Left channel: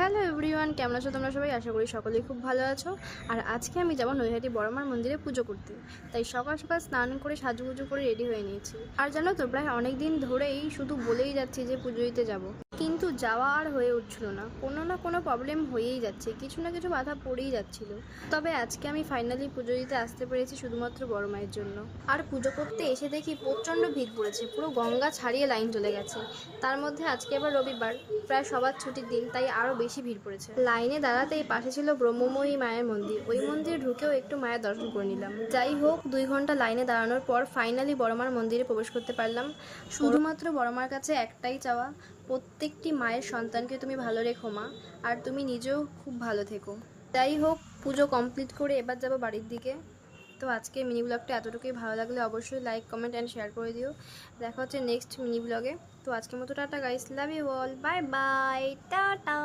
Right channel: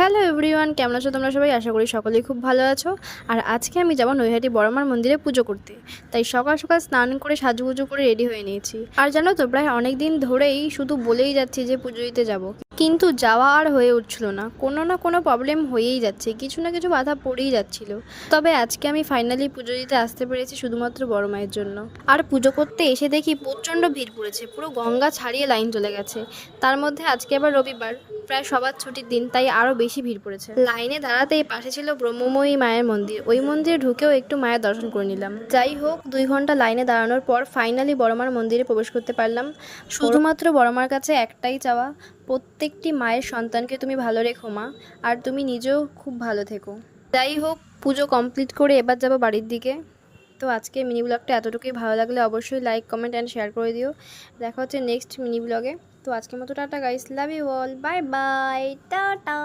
Hello everyone, কেমন আছো তোমরা সবাই? আশা করি সকলেই খুব ভালো আছো। আর আজকে আমি যাব নৈহাটি বড়মার মন্দিরে পুজো করতে। তাই সকাল সকাল স্নান করে সাজুগুজু করে রেডি হয়ে নিয়েছি। আর জানো তো, প্রায় অনেক দিন ধরেই শুধু বলেই যাচ্ছি যে পুজো দিতে যাব, কিন্তু যাওয়া আর হয়ে উঠছিল না। কোনো না কোনো প্রবলেম হয়েই যাচ্ছে, কিছু না কিছু বাধা পড়েই যাচ্ছিল। তবে আজকে আমি ফাইনালি পুজো দিতে আসতে পেরেছি শুধুমাত্র বড় মায়ের জন্য। আর পুজো করতে এসে দেখি প্রচণ্ড ভিড় পড়েছে, পুরো গঙ্গা ছাড়িয়ে লাইন চলে গেছে। তার মধ্যে আজকে আবার রবিবার, প্রায় সবার ছুটির দিন, তাই আরও বেশি ভিড় পড়েছে। লাইনে দাঁড়াতেই পাশে ছিল ব্রহ্মময়ী মায়ের মন্দির, ওই মন্দিরে ঢুকেও একটু মায়ের দর্শন করে নিলাম। যাই হোক, 2 ঘন্টা লাইনে দাঁড়ানোর পর ফাইনালি বড়মার মন্দিরে প্রবেশ করতে পারলাম। শুধুমাত্র বড়মার কাছে একটাই চাওয়া, প্রত্যেকটি মায়ের সন্তানকে তুমি ভালো রেখো মা, আর তুমি নিজেও খুব ভালো থেকো। যাই হোক, পুজো কমপ্লিট করে এবার যাবো বাড়ির দিকে। তো আজকে মিনি ব্লগটা এতটুকুই। ভালো লাগলে অবশ্যই লাইক, কমেন্ট অ্যান্ড শেয়ার করে দিও। দেখা হচ্ছে নেক্সট মিনি ব্লগে। তো আজকের মতো tata guys, love you all, bye bye, tata.